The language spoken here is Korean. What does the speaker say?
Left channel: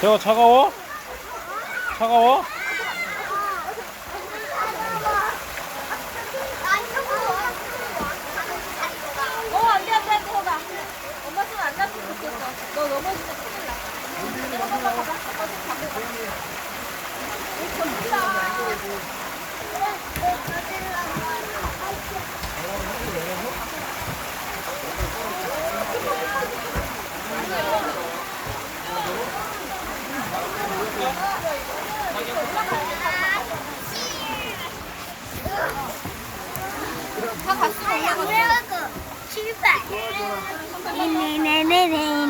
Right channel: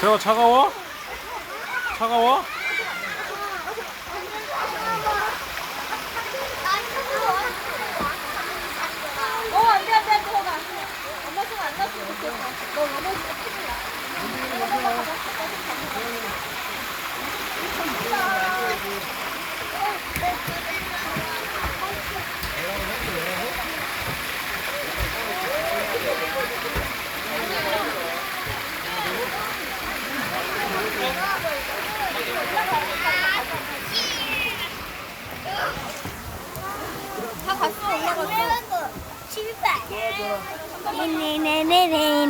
재호 차가워? 차가워? 안돼 안돼 들어가. 엄마 손 안 났으면 좋겠어. 너 넘어지면 큰일 나. 엄마 가자. 엄마 손 잡고 가. 다 갔어 올라갔어. 네네네네.